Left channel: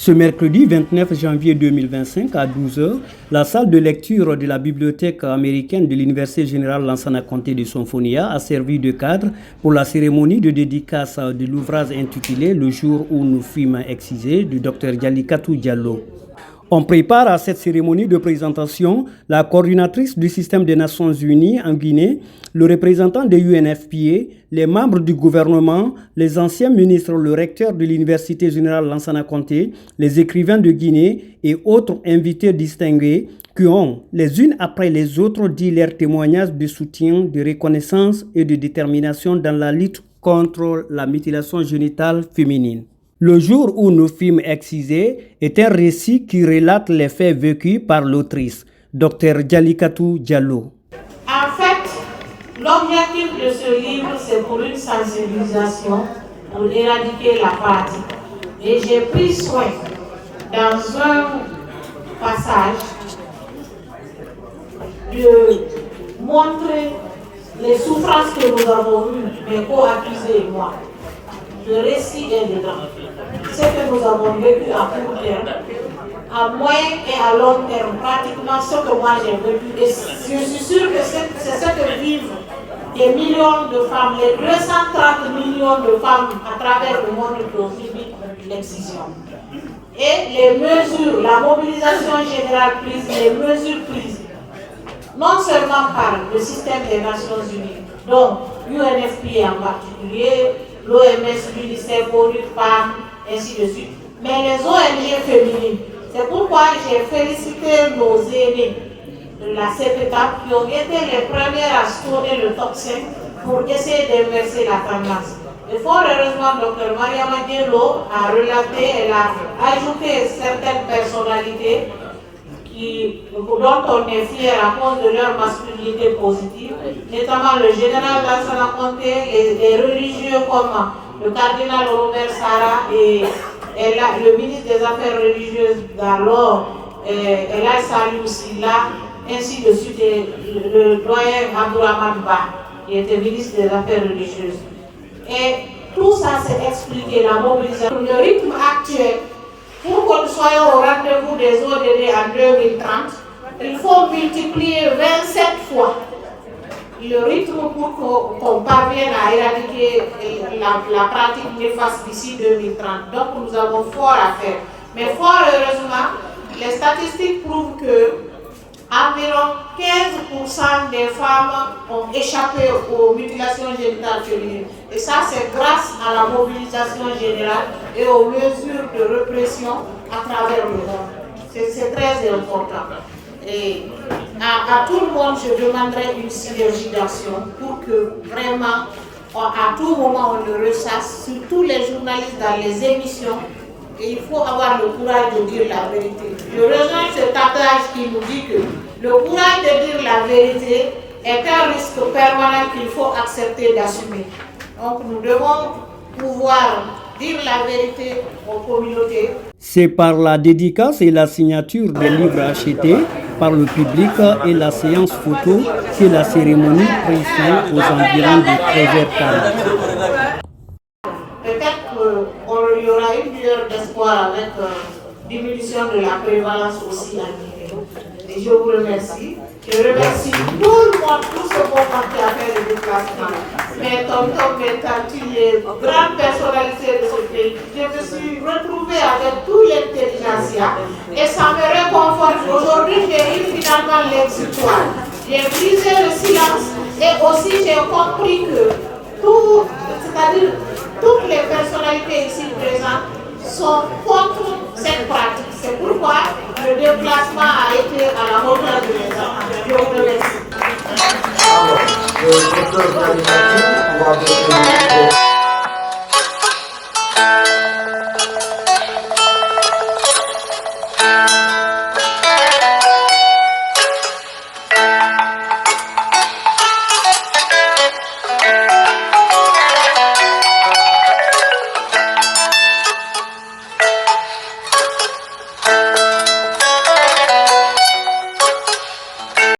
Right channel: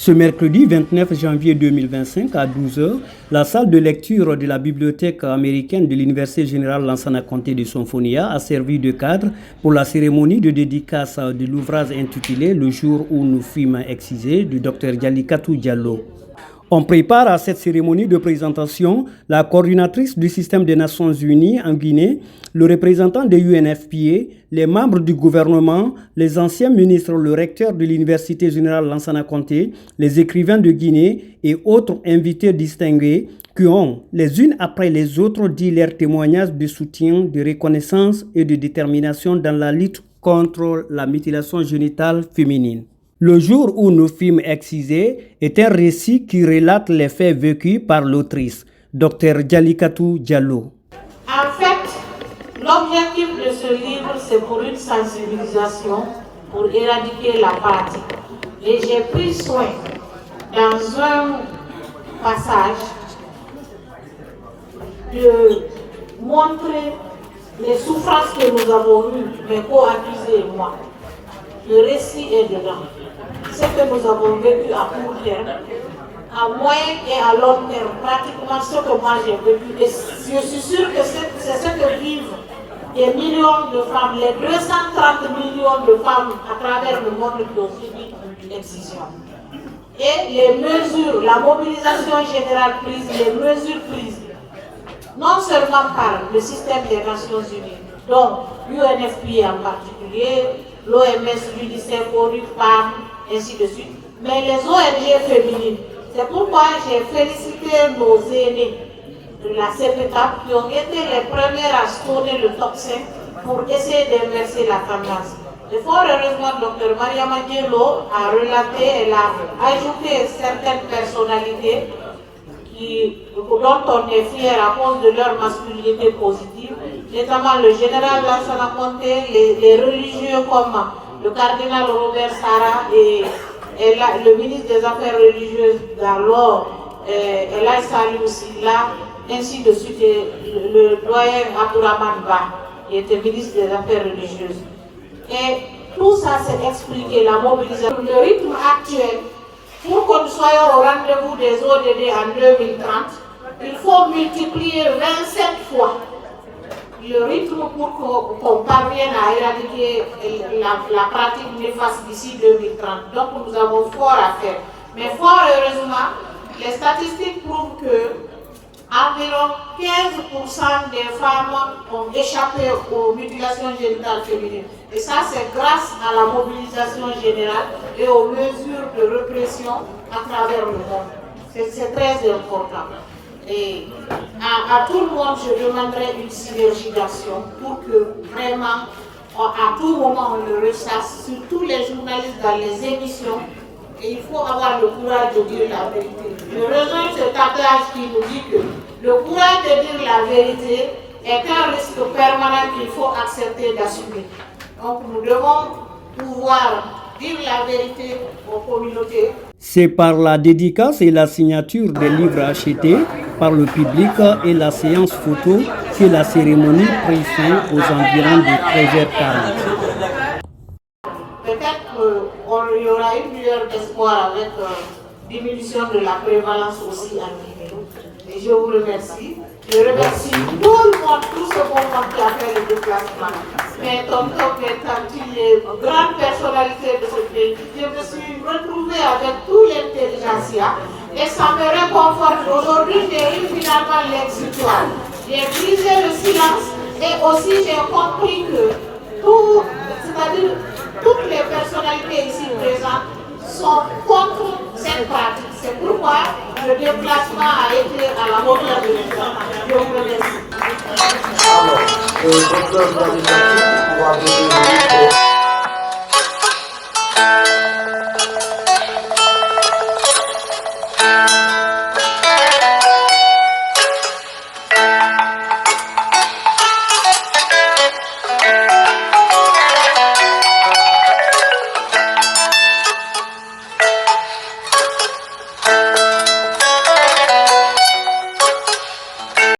Ce mercredi 29 janvier 2025 à 12 h, la salle de lecture de la bibliothèque américaine de l'Université générale Lansana Conté de Sonfonia a servi de cadre pour la cérémonie de dédicace de l'ouvrage intitulé « Le jour où nous fûmes excisés » du Dr Jalikatou Diallo. On prépare à cette cérémonie de présentation la coordinatrice du système des Nations Unies en Guinée, le représentant de l'UNFPA, les membres du gouvernement, les anciens ministres, le recteur de l'Université générale Lansana Conté, les écrivains de Guinée et autres invités distingués qui ont, les unes après les autres, dit leurs témoignages de soutien, de reconnaissance et de détermination dans la lutte contre la mutilation génitale féminine. Le jour où nous fûmes excisés est un récit qui relate les faits vécus par l'autrice, Dr Jalikatou Diallo. En fait, l'objectif de ce livre, c'est pour une sensibilisation, pour éradiquer la pratique. Et j'ai pris soin, dans un passage, de montrer les souffrances que nous avons eues, mes co-accusés et moi. Le récit est dedans. Ce que nous avons vécu à court terme, à moyen et à long terme, pratiquement ce que moi j'ai vécu. Et je suis sûre que c'est ce que vivent des millions de femmes, les 230 millions de femmes à travers le monde qui ont subi l'excision. Et les mesures, la mobilisation générale prise, les mesures prises, non seulement par le système des Nations Unies, donc l'UNFPA en particulier, l'OMS, l'UNICEF, ONU, PAN, ainsi de suite, mais les ONG féminines. C'est pourquoi j'ai félicité nos aînés de cette étape qui ont été les premières à sonner le top 5 pour essayer d'inverser la tendance. Et fort heureusement, Dr Mariama Diallo a relaté, elle a ajouté certaines personnalités dont on est fier à cause de leur masculinité positive, notamment le général Lansana Conté, les religieux comme le cardinal Robert Sarah et le ministre des Affaires religieuses d'alors, Elal Salou Silla, ainsi de suite, le doyen Abdourahmane Ba, qui était ministre des Affaires religieuses. Et tout ça, c'est expliqué, la mobilisation. Le rythme actuel, pour que nous soyons au rendez-vous des ODD en 2030, il faut multiplier 27 fois le rythme pour qu'on parvienne à éradiquer la pratique néfaste d'ici 2030. Donc nous avons fort à faire. Mais fort heureusement, les statistiques prouvent que environ 15% des femmes ont échappé aux mutilations génitales féminines. Et ça, c'est grâce à la mobilisation générale et aux mesures de répression à travers le monde. C'est très important. Et à tout le monde, je demanderai une synergie d'action pour que vraiment, à tout moment, on le ressasse, surtout les journalistes dans les émissions. Et il faut avoir le courage de dire la vérité. Je rejoins ce tapage qui nous dit que le courage de dire la vérité est un risque permanent qu'il faut accepter d'assumer. Donc nous devons pouvoir dire la vérité aux communautés. C'est par la dédicace et la signature des livres achetés par le public et la séance photo que la cérémonie prit fin aux environs de 13h40. Il y aura une lueur d'espoir avec diminution de la prévalence aussi en Guinée. Et je vous remercie. Je remercie tout le monde, tout ce beau monde qui a fait le déplacement. Mes tontons, mes tantes, les grandes personnalités de ce pays. Je me suis retrouvée avec tout l'intelligentsia et ça me réconforte. Aujourd'hui, j'ai eu finalement l'exutoire. J'ai brisé le silence et aussi j'ai compris que c'est-à-dire toutes les personnalités ici présentes sont contre cette pratique. C'est pourquoi le déplacement a été à la hauteur de l'État. Je vous remercie.